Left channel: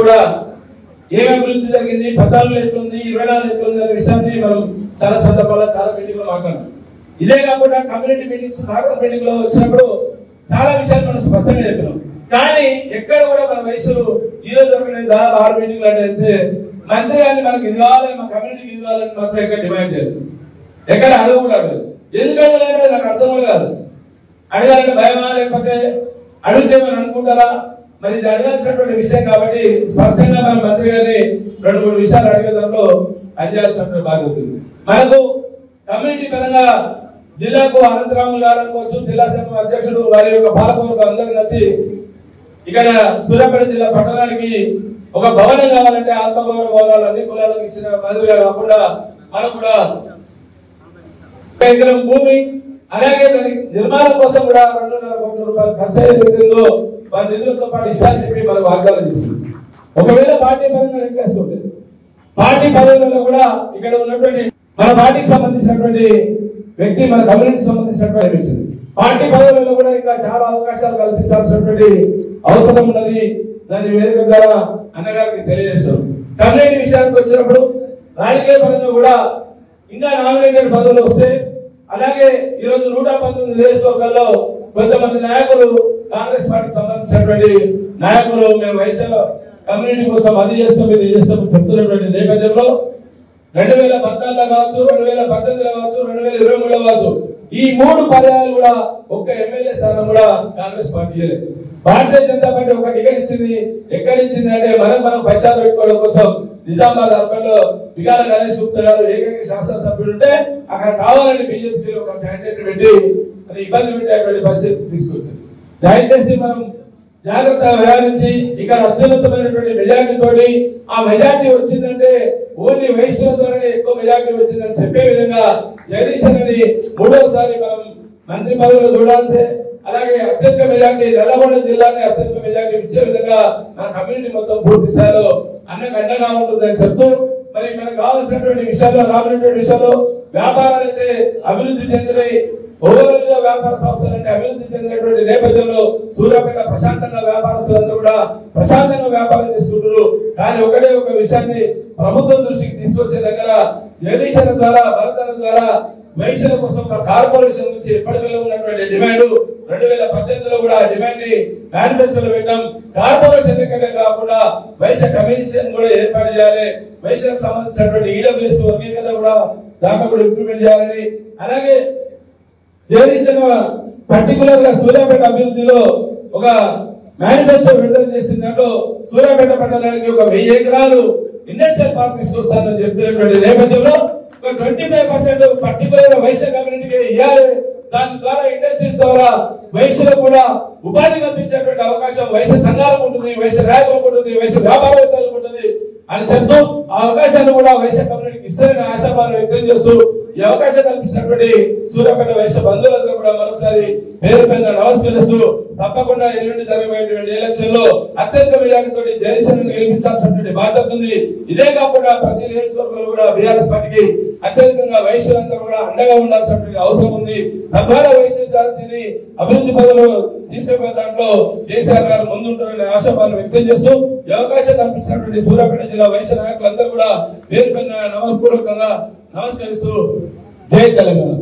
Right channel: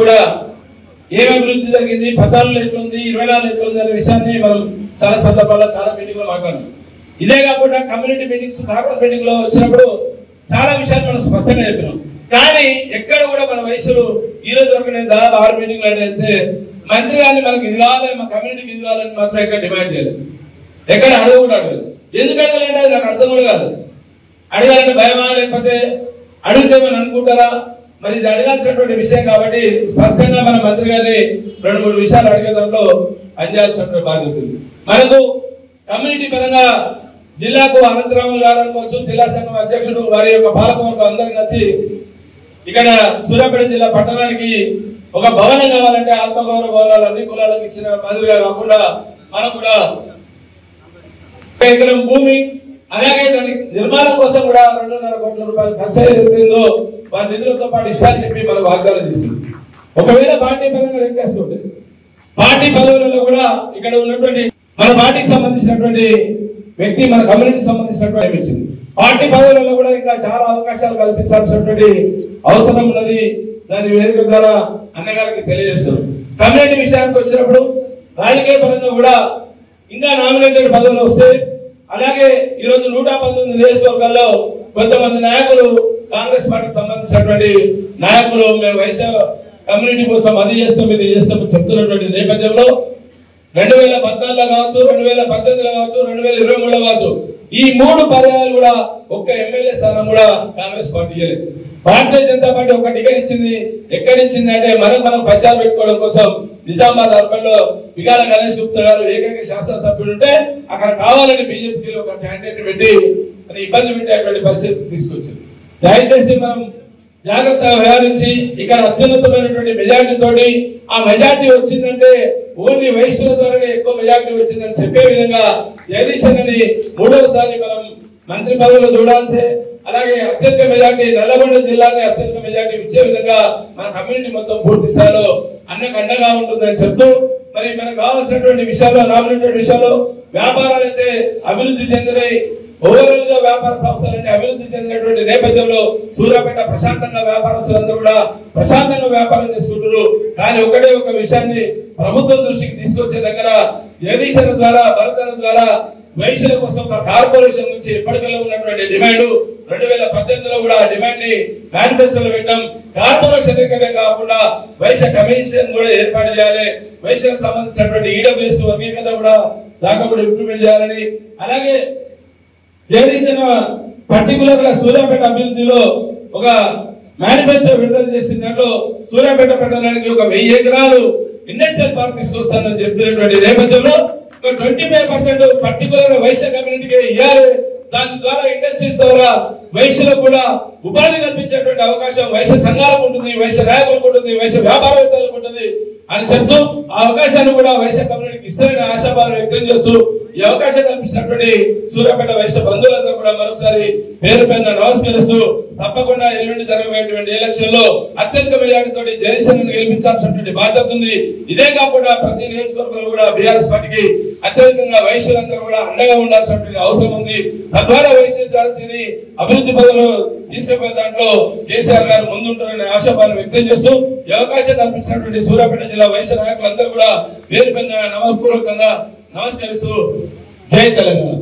కూడా ఏం అభివృద్ధి జరిగింది, 14 ఎట్లుంది, 24 ఎట్లుంది అనే విషయాన్ని మనం చాలా సందర్భాల్లో చాలా మీటింగ్ లో మాట్లాడాం. ఇదే కాకుండా కమ్యూనిటీ మీటింగ్స్, కార్పొరేట్ మీటింగ్ లో వచ్చినప్పుడు చాలా విషయాలు మనం స్పష్టంగా చెప్పినాం. కానీ ఎక్కడ కూడా మన వయసులు ఈ రోజు వరకు నేను దాదాపు 6 మీటింగ్లు అంటే మంత్రి గారిని మనకి ఇది కావాలి, మా కమ్యూనిటీకి ఇది కావాలని మాత్రం ఎక్కడ డిమాండ్ చేయలేదు, ఎక్కడ అడుగు కూడా అడగదు. ఎందుకు అడగలేంటే నాకు అర్థం కూడా కాదు. అడగాలంటే భయమా, లేకపోతే అడిగితే మనం అనుకుంటారా? మరి ఇది అడగాల్సినటువంటి విషయం కాబట్టి స్పష్టంగా మన మంత్రి గారిని 2-3 విషయాలు అడిగే దాంట్లో పనిచేయాల్సినటువంటి బాధ్యత ఉంది. మనకు కమ్యూనిటీ పరంగా జిల్లాకు అనంతరాములు గారు అనుకోవచ్చు, జిల్లా సంఘం అధ్యక్షుడు, వారి యొక్క పాలకవర్గం అందరూ కలిసి ఇక్కడ సూర్యాపేట జిల్లా పట్టణానికి ఒక భవనం కావాలంటే ఆత్మగౌరవ భవనాలు అన్ని కులాలకు ఇచ్చిన మాదిరిగా కాకుండా మనం కూడా ఎకరం భూమి, అలాగే దానికి నిర్మాణం కోసం కూడా 2.5 కోట్ల రూపాయలు ఖర్చు అయ్యేందో వారి నిధులతో పాటు ఇస్తారని చెప్పి మనం వాగ్దానం చేసింది. ఒకవేళ పార్టీ పరంగా రిక్వెస్ట్ ఉంటుంది, పార్టీ పదవులలో కూడా ఇక్కడ ఉన్నటువంటి మన పార్టీకి సంబంధించినటువంటి వ్యక్తి, మన కమ్యూనిటీకి సంబంధించినటువంటి వచ్చింది. పార్టీ పదవులలో కూడా ఇంకా చాలా అవకాశాలు కల్పించాల్సినటువంటి అవసరం ఉన్నది. దాని వేదిక ద్వారా అన్నగారికి తెలియజేస్తాం. కమ్యూనిటీ విషయానికి వచ్చినప్పుడు రాజకీయ పరంగా కూడా ఇంకా నామినేటెడ్ పదవులు వస్తే, అలాగే ఈరోజు 119 నియోజకవర్గాల్లో కొంతమంది నాయకులు, కాంగ్రెస్ పార్టీకి సంబంధించినటువంటి నాయకులు మేము వైశ్య కమ్యూనిటీ కోసం అది చేస్తాం ఇది చేస్తాం చెప్తున్నటువంటి నేపథ్యంలో 2014 కావచ్చు, 2018 కావచ్చు, 2023 కావచ్చు, ఈ 3 పదవులు కూడా ఒక్క ఎమ్మెల్యే స్థానం కూడా కాంగ్రెస్ పార్టీ చేయలేదు. భారతీయ జనతా పార్టీ ఒక టికెట్ ఇచ్చింది. ఎక్కడ ఇచ్చింది అంటే మనం ప్రచారం పెట్టుకోవడం కోసం నిజామాబాద్ అర్బన్ లో విగాల గణేష్ గుప్తా గారు ఏకైక శాసనసభ్యులు ఉంటే అక్కడ కావాలని బీజేపీ ఒక క్యాండిడేట్ పెట్టి ఇబ్బంది పెట్టేటువంటి పరిస్థితి తీసుకొచ్చింది. దయచేసి మనం జాగ్రత్తగా వ్యవహరించి ఇక్కడ అత్యున్నతమైనటువంటి మెజార్టీ తోటి, ఆ మెజార్టీ వచ్చిందంటే ఓన్లీ వైశ్యుల ద్వారానే ఎక్కువ మెజార్టీ వచ్చిందని చెప్పే విధంగా జగదీశ్ అని 3వసారి మనం మంత్రి పదవిలో చూడాల్సి, అలాగే అత్యధిక మెజార్టీ నల్లగొండ జిల్లాని అత్యధిక మెజార్టీ ఇచ్చే విధంగా మన కమ్యూనిటీ మొత్తం పూర్తి స్థాయిలో అన్నకు అండగా ఉంటుందని చెప్తూ, మరి మనకు కావాల్సినటువంటి విషయాల్లో నామినేటెడ్ విషయాల్లో వ్యాపారాలు అయితే అభివృద్ధి చెందినాయి. ఓవరాల్ గా వ్యాపార సంస్థలంటే అభివృద్ధి చెందినటువంటి నేపథ్యంలో సూర్యాపేట ప్రశాంతంగా వ్యాపారస్తులంతా కూడా ప్రశాంతంగా వ్యాపారం చేసుకుంటారు. కానీ ఒకటే ఒక విషయాన్ని ప్రభుత్వం దృష్టికి తీసుకొచ్చే దగ్గర జగదీశన ద్వారా, భరతన ద్వారా వైశ్యుల కోసం కార్పొరేషన్ నుంచి ఎప్పటికల్లో ఉన్నటువంటి డిమాండ్ 2018లో కూడా డిమాండ్ ని మేనిఫెస్టోలో పెట్టాం. కార్పొరేషన్ ఎక్కడే కాకుండా వైశ్య కమిషన్ కూడా ఏర్పాటు చేయాలి. వైశ్యులకు సంబంధించినటువంటి ఈడబ్ల్యూఎస్ వర్గీకరణ కూడా దాంట్లో కూడా ఇంప్లిమెంట్ చేయాలని, అలాగే జగదీశన పర్టికులర్ గా సూర్యాపేట అభివృద్ధిలో ఒక మేనిఫెస్టో విడుదల చేసిన దాంట్లో సూర్యాపేట పట్టణానికి ఒక 1000 ఎకరాలు ఇండస్ట్రియల్ పార్క్ తీసుకొస్తానని చెప్పినటువంటి నేపథ్యంలో 25% పర్టికులర్ వైశ్య కమ్యూనిటీకి ఇవ్వాలి. దాని ద్వారా ఇండస్ట్రీస్ ద్వారా వైశ్యులకు కూడా ఉపాధి కల్పించేటువంటి అవకాశం వైశ్య సంఘాలకు ఉంటుంది, వైశ్య నాయకులకు ఉంటుంది, వైశ్య వ్యాపారవేత్తలకు ఉంటుంది అని చెప్తూ ఆ అవకాశాన్ని కూడా వైశ్య కమ్యూనిటీకి ఇస్తారని ఆశాభావం వ్యక్తం చేస్తూ ఈ అవకాశం కల్పించినటువంటి సూర్యాపేట వైశ్య బంధువులందరూ కూడా మరొకసారి పేరు పేరున నమస్కరిస్తూ, తప్పకుండా ఎల్లుండి జరగబోయేటువంటి ఎలక్షన్ లో అత్యధిక మెజారిటీతో జగదీశన్ గెలిపించాల్సినటువంటి బాధ్యత ఉంది. ఇదే కాకుండా ప్రతి నియోజకవర్గంలో కూడా బీఆర్ఎస్ పార్టీకి అత్యధికంగా వైశ్యులందరూ కూడా అండగా ఉండాల్సినటువంటి అవసరం ఉంది. తద్వారా వైశ్య జాతిని అభివృద్ధి పదవులు తీసుకుపోయే దాంట్లో కేసీఆర్ గారు ముందుంటారనే ఆశాభావం వ్యక్తం చేస్తూ ఈ అవకాశం కల్పించినటువంటి సూర్యాపేట జిల్లా వైశ్య నాయకులందరూ కూడా పేరు పేరున నమస్పూర్వకంగా నమస్కరిస్తూ జై తెలంగాణ.